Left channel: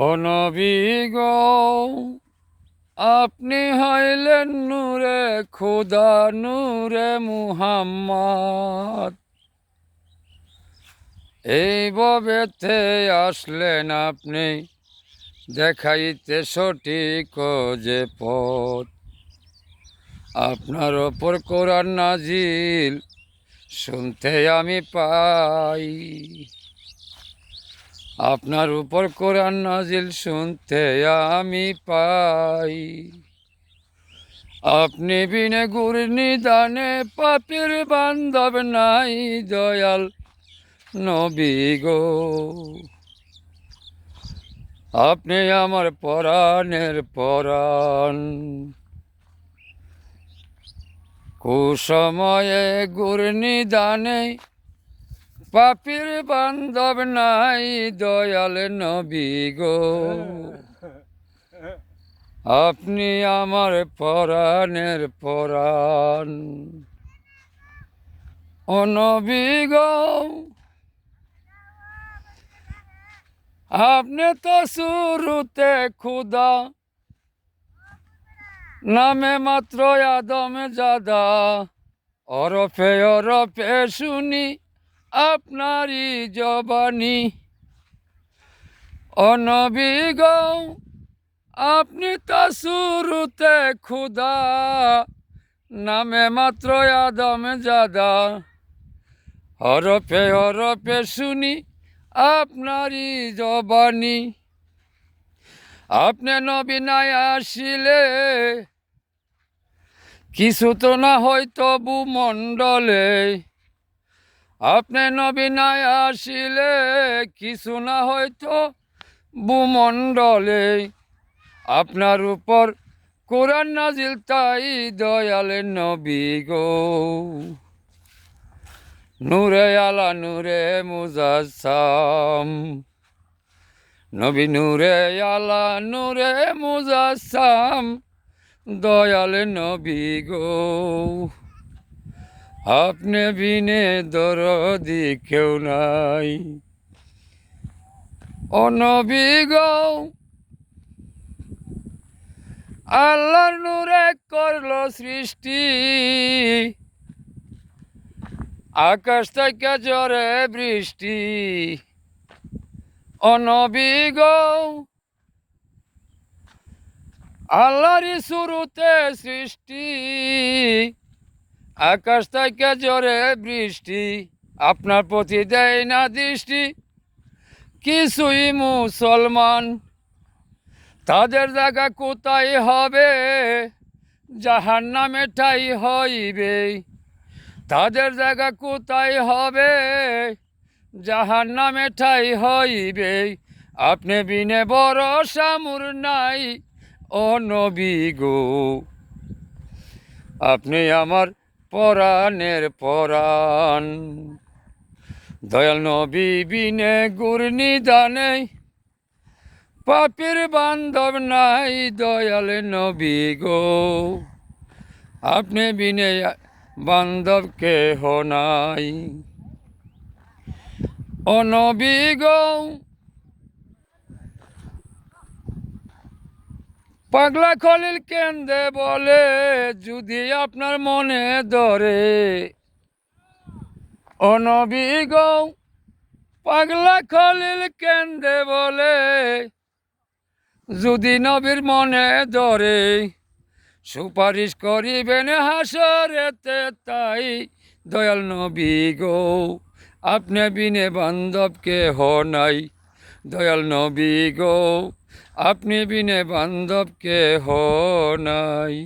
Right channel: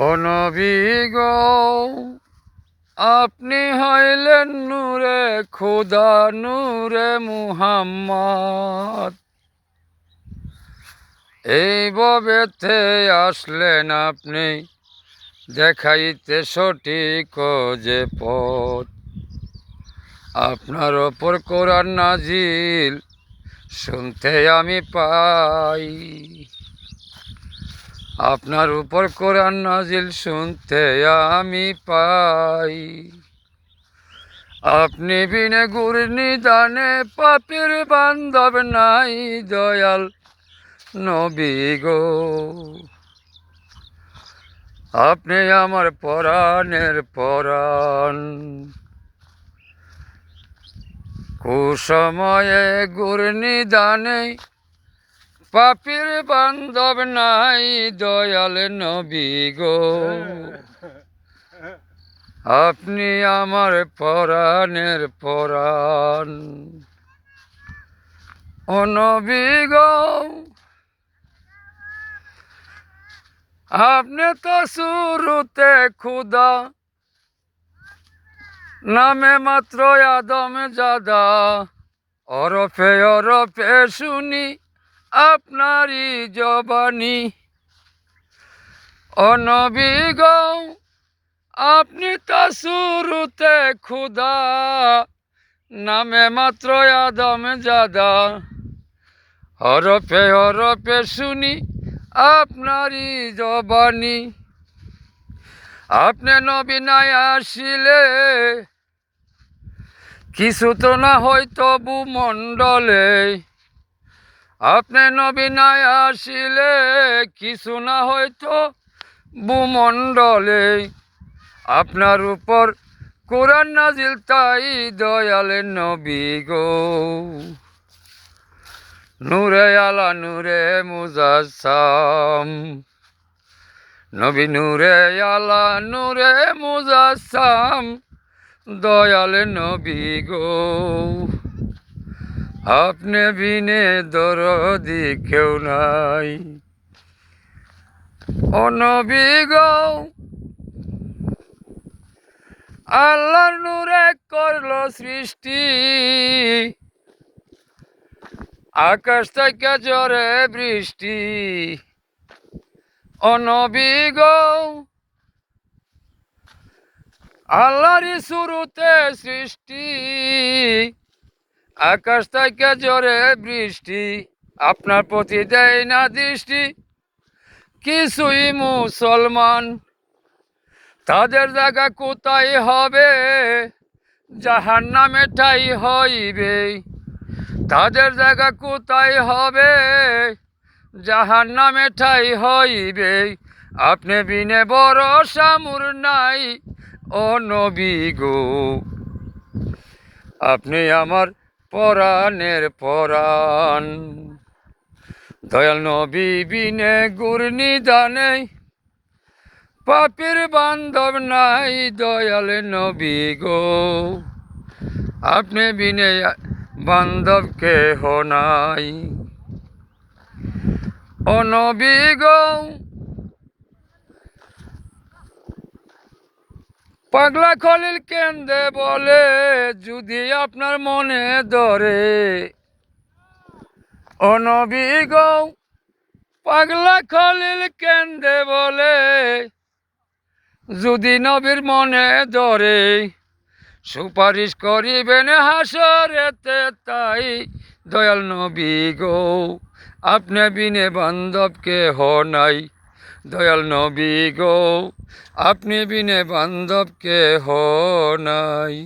ও নবী গো, আপনি হইলেন নূরে খোদা, নূরে মুহাম্মদ। এই ভবেতে আসলেন আপনি, দেখাইতে সঠিক যে পথ। আপনার ওপর কোরআন নাজিল শুনতে আমি পাই, আপনার উপর কোরআন নাজিল শুনতে আমি পাই। আপনি বিনে গুরনি দানে পাপের বান্ধব নাই, দয়াল নবী গো। আপনি আমার পরাণের পরাণ, কুসময়ে গুরনি দানে পাপের বান্ধব নাই, দয়াল নবী গো। আপনি আমার পরাণের পরাণ, ও নবী গো। আপনি তো শুরুতে খুদা, নামে মাত্র আদম জাদা। অরফে অরফে শুনি আপনারই জবানি, ও নবী গো। আপনি তো শুরুতে খুদা, নামে মাত্র আদম জাদা। হরফে হরফে শুনি আপনারই জবানি। আপনি নবী নাই আসিলে কিছু তো না হয়তো ভূমণ্ডলে। আপনি নবী নাই আসিলে কিছু না হয়তো ভূমণ্ডলে। আপনার উপর কোরআন নাজিল তাই, দয়াল নবী গো। নূরে আলা নূরে মুজাসসাম, নবী নূরে আলা নূরে মুজাসসাম, দয়াল নবী গো। আপনি বিনে দরদি কেউ নাই, ও নবী গো। আল্লাহর নূরে করলো সৃষ্টি, আকাশ থেকে ঝরে বৃষ্টি, ও নবী গো। আল্লাহরই শুরুতে সৃষ্টি, আকাশ থেকে ঝরে বৃষ্টি। আপনার প্রতি দেয় না দৃষ্টি কিছুই মুসলমান। তাদের জায়গা কোথায় হবে, জাহান্নামে ঠাই হইবে। তাদের জায়গা কোথায় হবে, জাহান্নামে ঠাই হইবে। আপনি বিনে ভরসা মোর নাই, ও নবী গো। আপনি আমার পরাণের পরাণ, দয়াল নবী বিনে গুরনি দানে পাপের বান্ধব নাই, দয়াল নবী গো। আপনি বিনে বান্ধব কেহ নাই, ও নবী গো। পাগলা খলিল কেন্দে বলে যদি আপনার মনে ধরে, ও নবী গো। পাগলা খলিল কেন্দে বলে যদি নবীর মনে ধরে, সুপারিশ করিবেন হাসরেতে তাই, দয়াল নবী গো। আপনি বিনে বান্ধব কেহ নাই, দয়াল নবী গো। আপনি বিনে বান্ধব কেহ নাই।